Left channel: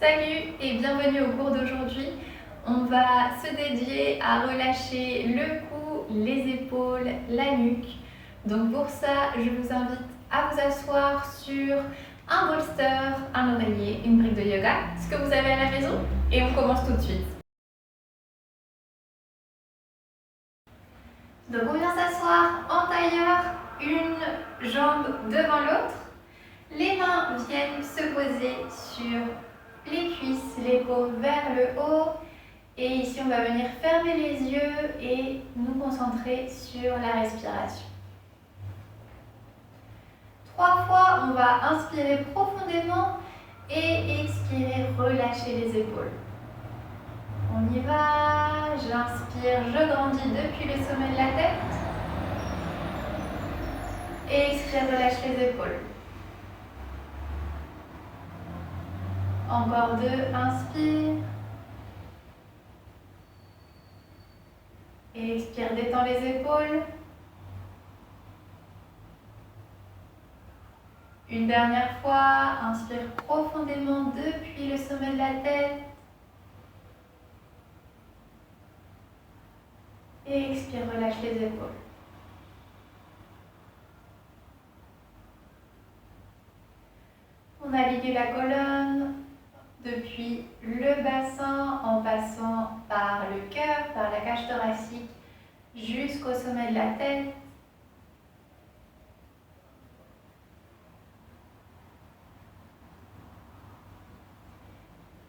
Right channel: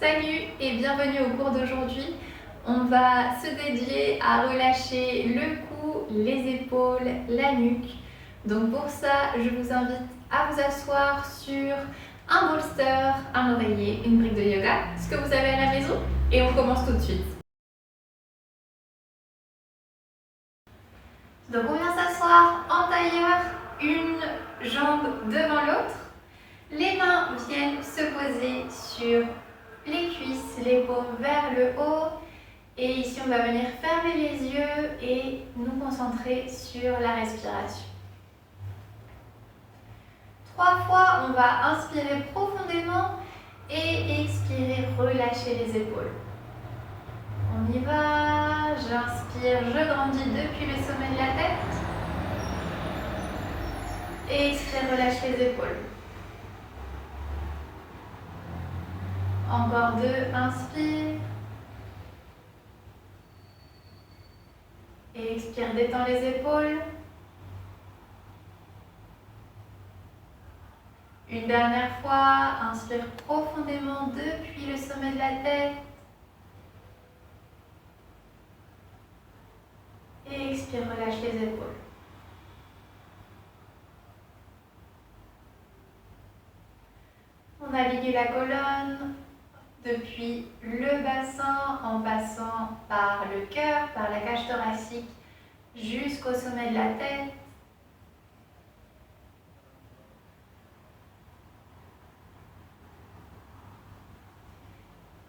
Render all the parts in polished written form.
Salut et bienvenue au cours d'aujourd'hui. On va se dédier à relâcher le cou, les épaules, la nuque. Donc pour ça, je vous invite à vous asseoir sur un bolster, un oreiller, une brique de yoga, ce que vous avez à la maison, et on commence tout de suite. Donc on vient s'asseoir en tailleur, une jambe devant l'autre. Les mains viennent se poser sur les cuisses, les paumes vers le haut. Et ici, on va venir fermer les yeux et nous concentrer sur la respiration. 3 fois, on va inspirer profondément et expirer, relâcher les épaules. On y va, j'inspire, je grandis depuis le sommet de la tête. Et expire, relâche les épaules. Encore 2, inspire. Et expire, détends les épaules. Une dernière fois, inspire profondément depuis le sommet de la tête. Et expire, relâche les épaules. On navigue la colonne depuis le bassin en passant par le cœur, par la cage thoracique jusqu'au sommet de la tête.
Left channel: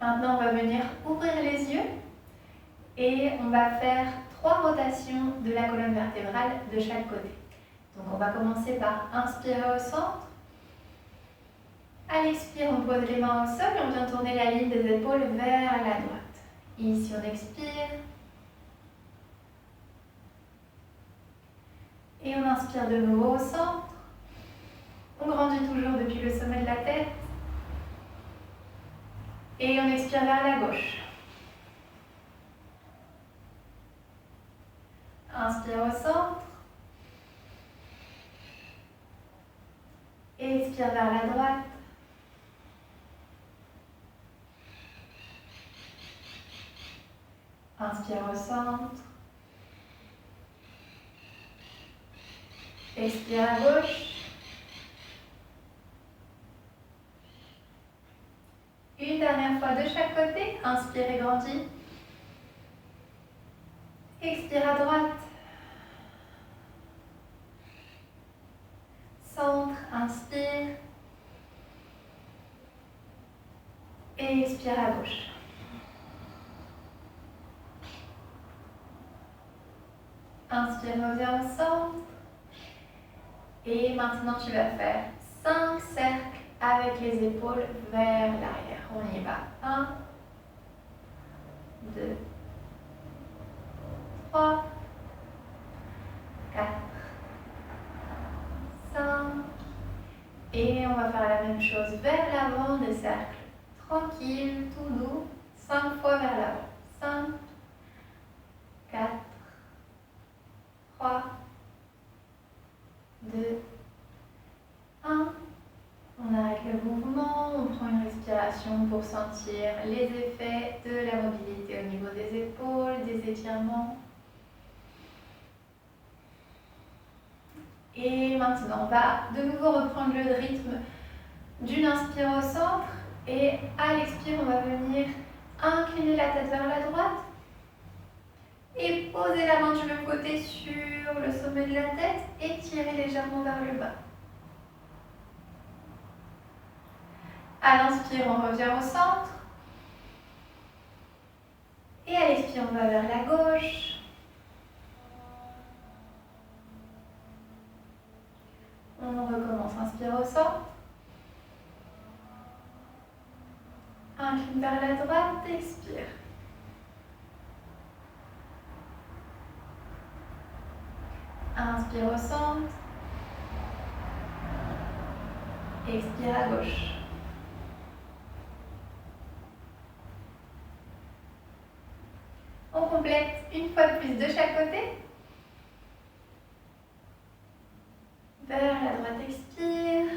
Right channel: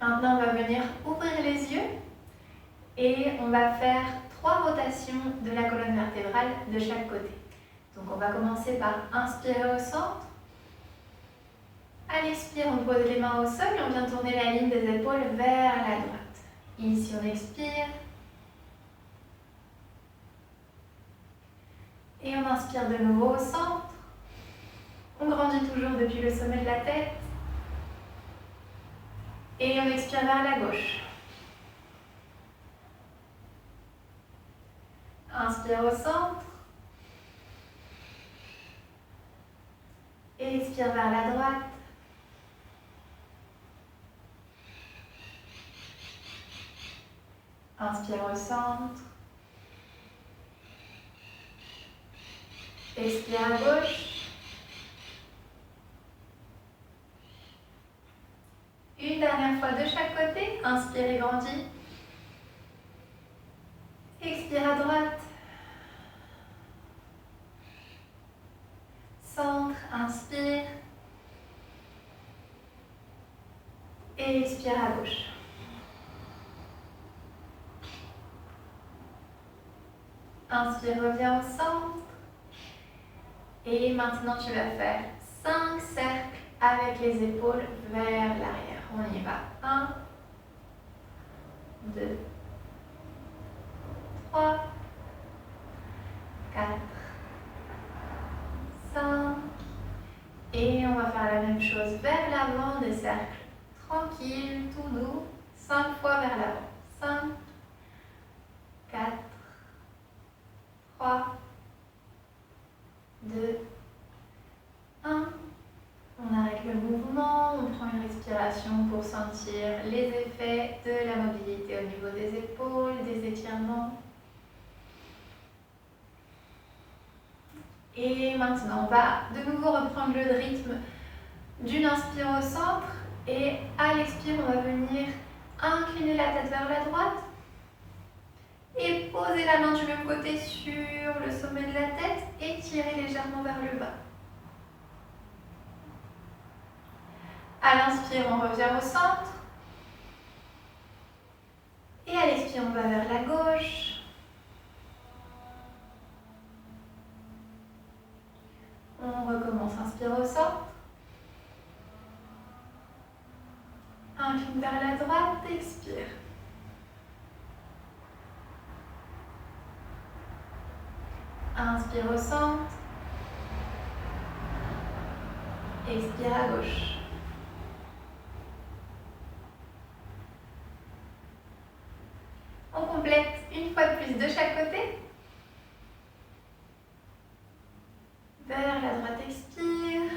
Maintenant, on va venir ouvrir les yeux et on va faire 3 rotations de la colonne vertébrale de chaque côté. Donc, on va commencer par inspirer au centre. À l'expire, on pose les mains au sol et on vient tourner la ligne des épaules vers la droite. Ici, on expire. Et on inspire de nouveau au centre. On grandit toujours depuis le sommet de la tête. Et on expire vers la gauche. Inspire au centre. Et expire vers la droite. Inspire au centre. Expire à gauche. Une dernière fois de chaque côté. Inspire et grandis. Expire à droite. Centre, inspire. Et expire à gauche. Inspire, reviens au centre. Et maintenant, tu vas faire 5 cercles avec les épaules vers l'arrière. On y va. 1, 2, 3, 4, 5. Et on va faire la même chose vers l'avant, des cercles tranquilles, tout doux. 5 fois vers l'avant. 5, 4, 3, 2, 1. On arrête le mouvement, on prend une respiration pour sentir les effets de la mobilité au niveau des épaules, des étirements. Et maintenant, on va de nouveau reprendre le rythme d'une inspire au centre et à l'expire, on va venir incliner la tête vers la droite et poser la main du même côté sur le sommet de la tête et tirer légèrement vers le bas. À l'inspire, on revient au centre. Et à l'expire, on va vers la gauche. On recommence, inspire au centre. Incline vers la droite, expire. Inspire au centre. Expire à gauche. On complète une fois de plus de chaque côté. Vers la droite, expire.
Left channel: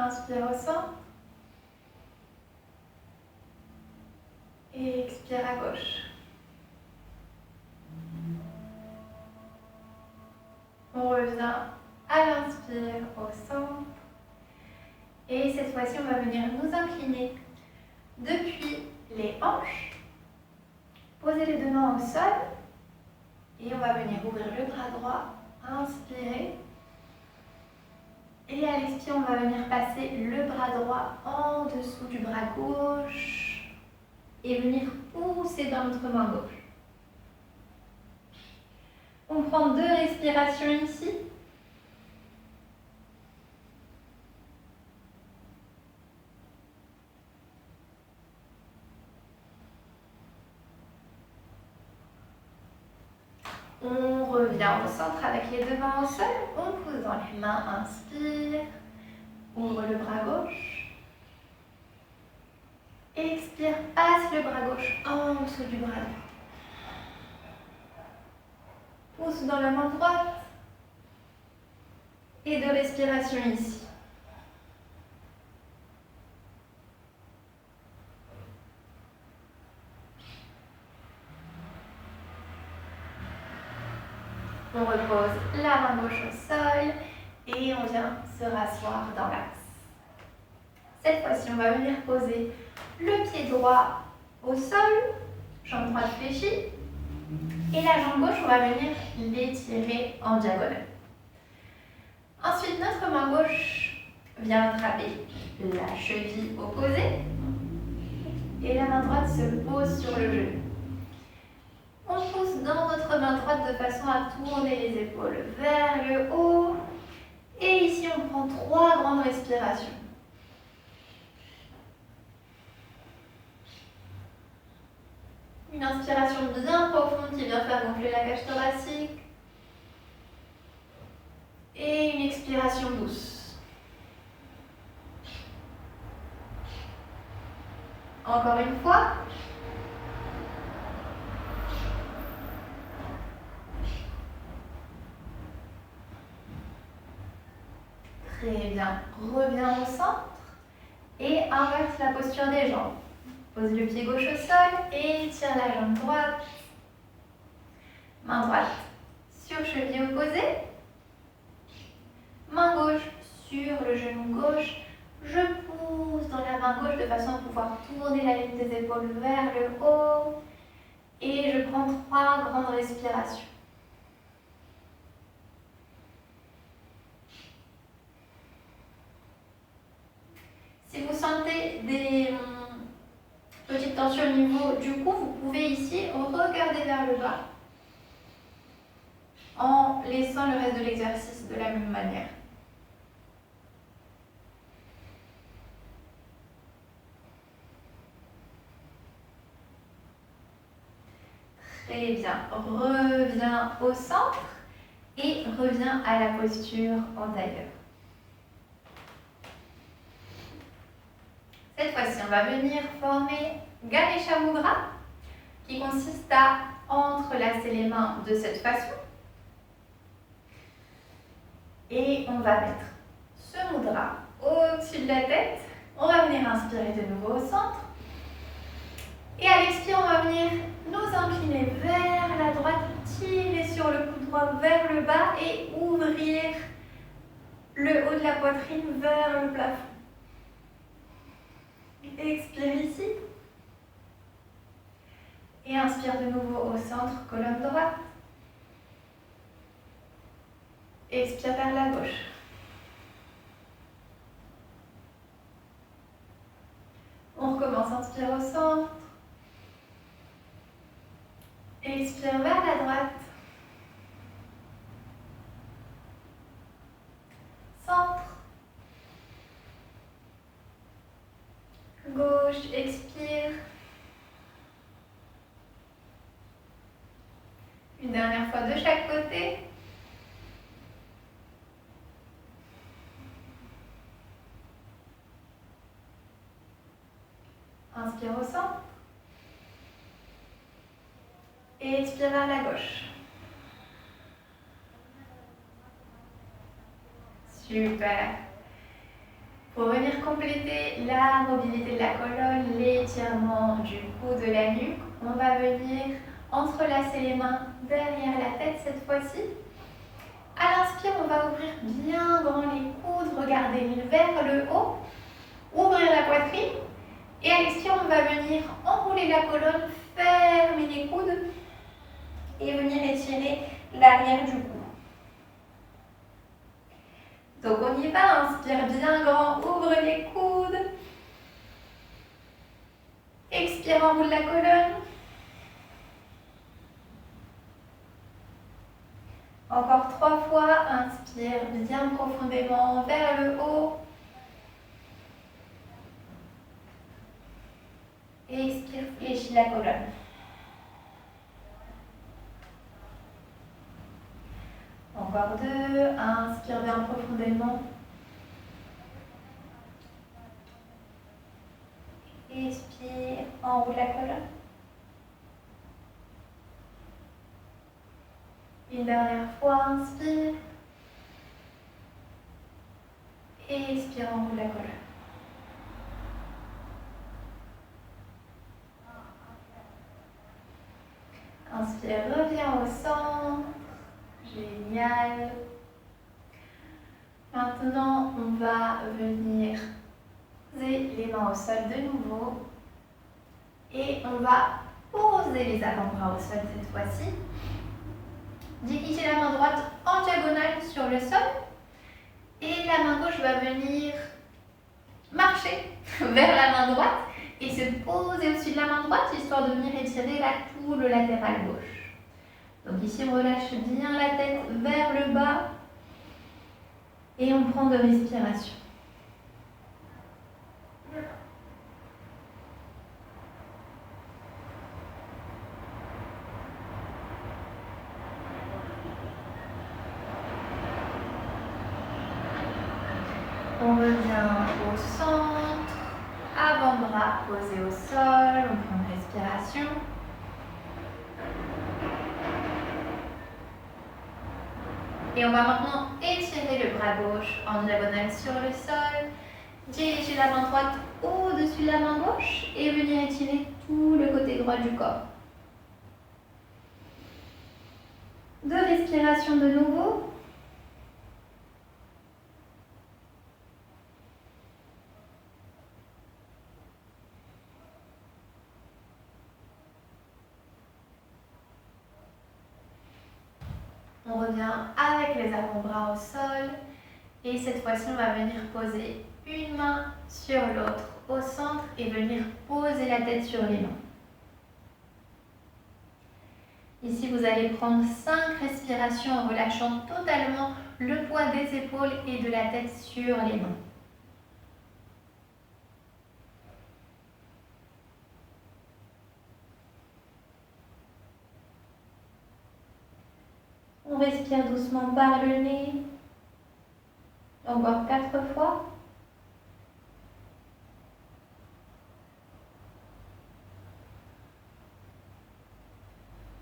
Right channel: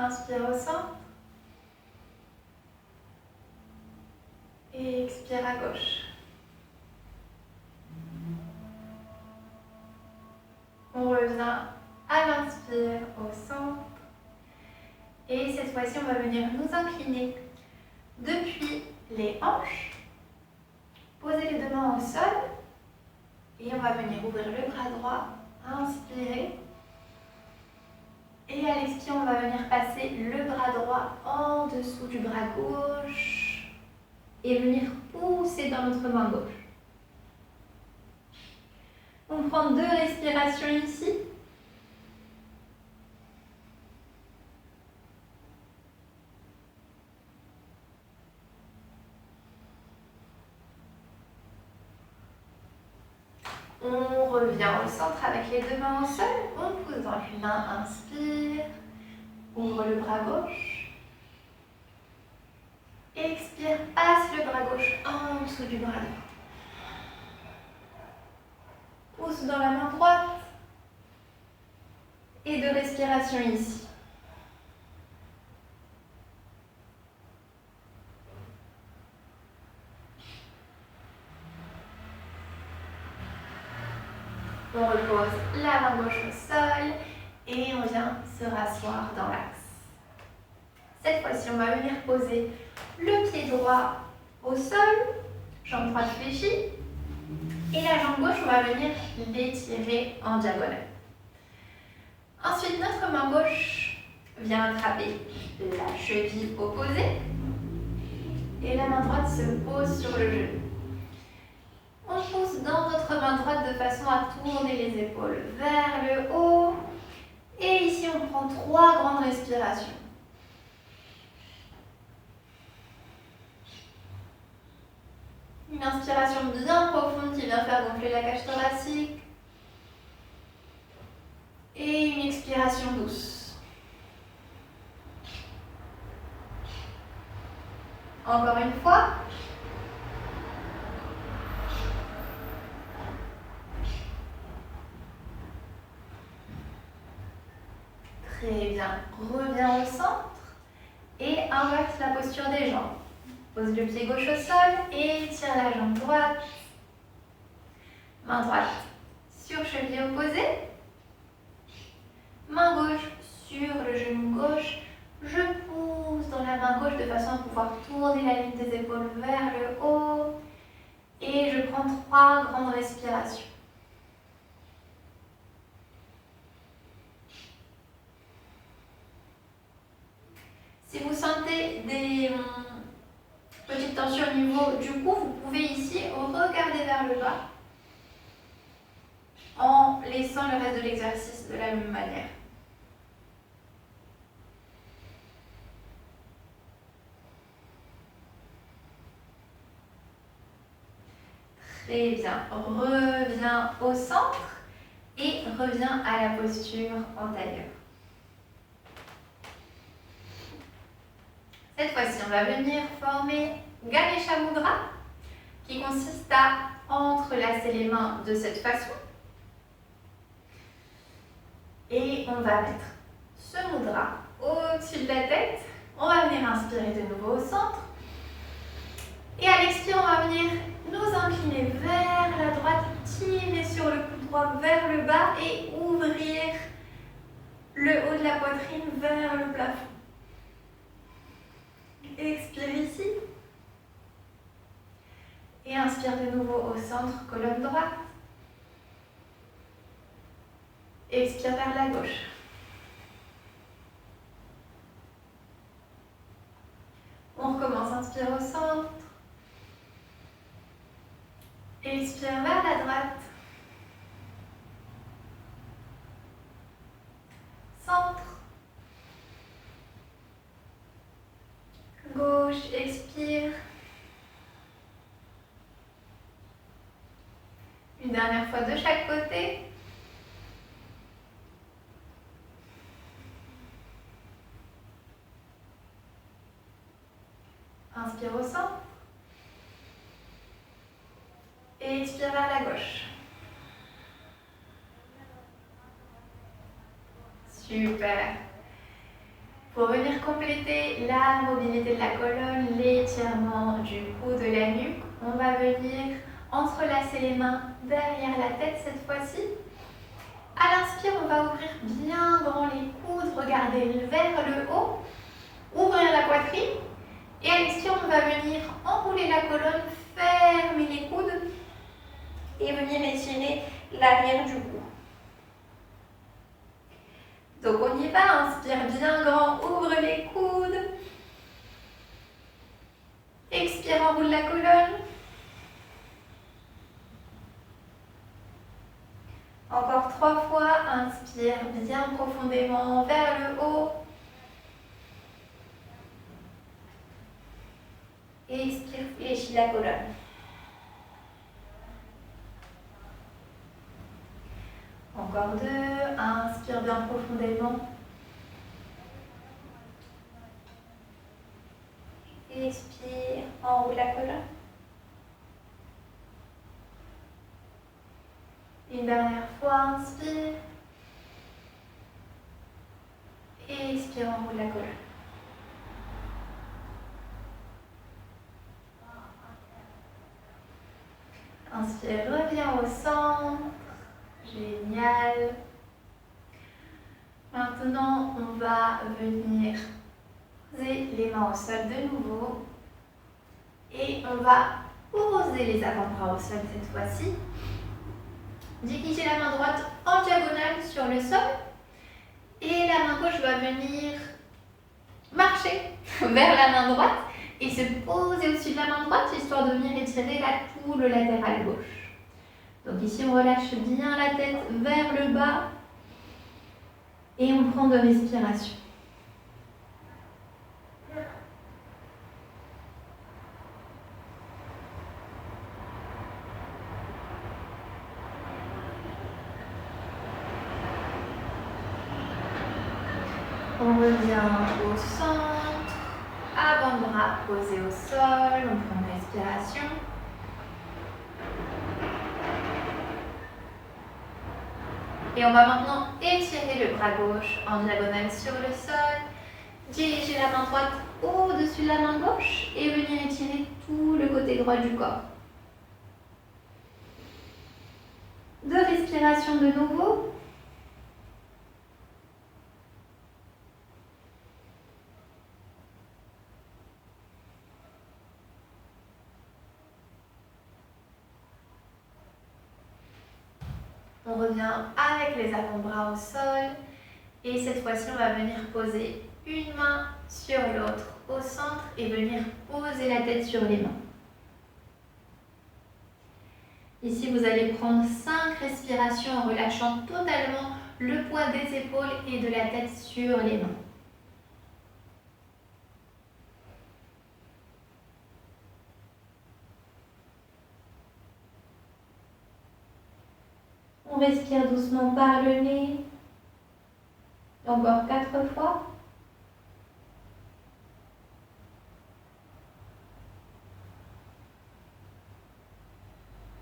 Inspire au centre. Et expire à gauche. On revient à l'inspire au centre. Et cette fois-ci, on va venir nous incliner depuis les hanches. Poser les deux mains au sol. Et on va venir ouvrir le bras droit. Inspirer. Et à l'expire, on va venir passer le bras droit en dessous du bras gauche. Et venir pousser dans notre main gauche. On prend 2 respirations ici. On revient au centre avec les deux mains au sol. On pousse dans les mains, inspire. Ouvre le bras gauche. Expire, passe le bras gauche en dessous du bras droit. Pousse dans la main droite. Et 2 respirations ici. On repose la main gauche au sol et on vient se rasseoir dans l'axe. Cette fois-ci, on va venir poser le pied droit au sol, jambe droite fléchie, et la jambe gauche, on va venir l'étirer en diagonale. Ensuite, notre main gauche vient attraper la cheville opposée et la main droite se pose sur le genou. On pousse dans notre main droite de façon à tourner les épaules vers le haut. Et ici, on prend 3 grandes respirations. Une inspiration bien profonde qui vient faire gonfler la cage thoracique. Et une expiration douce. Encore une fois. Très bien. Reviens au centre et inverse la posture des jambes. Pose le pied gauche au sol et tire la jambe droite. Main droite sur cheville opposée. Main gauche sur le genou gauche. Je pousse dans la main gauche de façon à pouvoir tourner la ligne des épaules vers le haut. Et je prends 3 grandes respirations. Si vous sentez des petites tensions au niveau du cou, vous pouvez ici regarder vers le bas en laissant le reste de l'exercice de la même manière. Très bien. Reviens au centre et reviens à la posture antérieure. Cette fois-ci, on va venir former Ganesha Mudra, qui consiste à entrelacer les mains de cette façon. Et on va mettre ce mudra au-dessus de la tête. On va venir inspirer de nouveau au centre. Et à l'expire, on va venir nous incliner vers la droite, tirer sur le coude droit vers le bas et ouvrir le haut de la poitrine vers le plafond. Expire ici. Et inspire de nouveau au centre, colonne droite. Expire vers la gauche. On recommence, inspire au centre. Expire vers la droite. Centre. Gauche, expire. Une dernière fois de chaque côté. Inspire au centre. Et expire vers la gauche. Super. Pour venir compléter la mobilité de la colonne, l'étirement du cou, de la nuque, on va venir entrelacer les mains derrière la tête cette fois-ci. À l'inspire, on va ouvrir bien grand les coudes, regarder vers le haut, ouvrir la poitrine. Et à l'expire, on va venir enrouler la colonne, fermer les coudes et venir étirer l'arrière du cou. Donc on y va, inspire bien grand, ouvre les coudes. Expire, enroule la colonne. Encore 3 fois, inspire bien profondément vers le haut. Et expire, fléchis la colonne. Encore 2, inspire bien profondément. Expire, enroule la colonne. Une dernière fois, inspire. Et expire, enroule la colonne. Inspire, reviens au centre. Génial. Maintenant, on va venir poser les mains au sol de nouveau. Et on va poser les avant-bras au sol cette fois-ci. Diriger la main droite en diagonale sur le sol. Et la main gauche va venir marcher vers la main droite et se poser au-dessus de la main droite, histoire de venir étirer la tour latérale gauche. Donc ici, on relâche bien la tête vers le bas et on prend de respiration. On revient au centre, avant-bras posé au sol, on prend une respiration. Et on va maintenant étirer le bras gauche en diagonale sur le sol, diriger la main droite au-dessus de la main gauche et venir étirer tout le côté droit du corps. 2 respirations de nouveau. On revient avec les avant-bras au sol et cette fois-ci on va venir poser une main sur l'autre au centre et venir poser la tête sur les mains. Ici vous allez prendre 5 respirations en relâchant totalement le poids des épaules et de la tête sur les mains. On respire doucement par le nez. Encore 4 fois.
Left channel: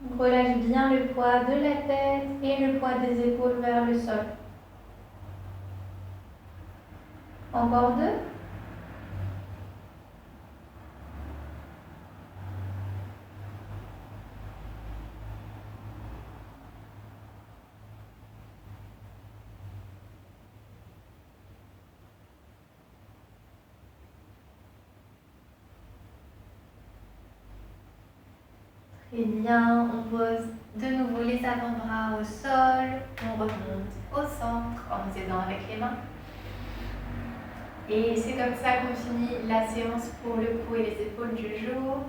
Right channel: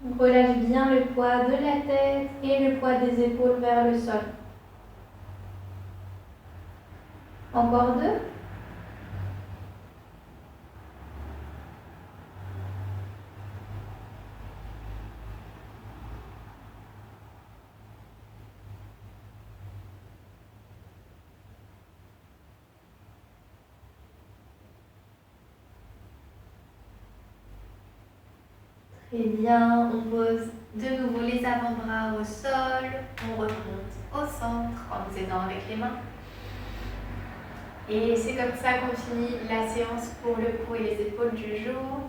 On relâche bien le poids de la tête et le poids des épaules vers le sol. Encore 2. Très bien, on pose de nouveau les avant-bras au sol, on remonte au centre en nous aidant avec les mains. Et c'est comme ça qu'on finit la séance pour le cou et les épaules du jour.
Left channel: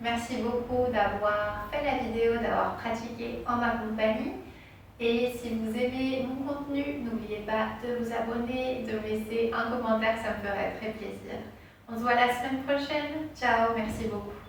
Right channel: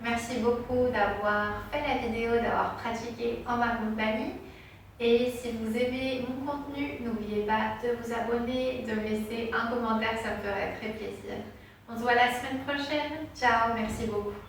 Merci beaucoup d'avoir fait la vidéo, d'avoir pratiqué en ma compagnie. Et si vous aimez mon contenu, n'oubliez pas de vous abonner, de laisser un commentaire, ça me ferait très plaisir. On se voit la semaine prochaine. Ciao, merci beaucoup.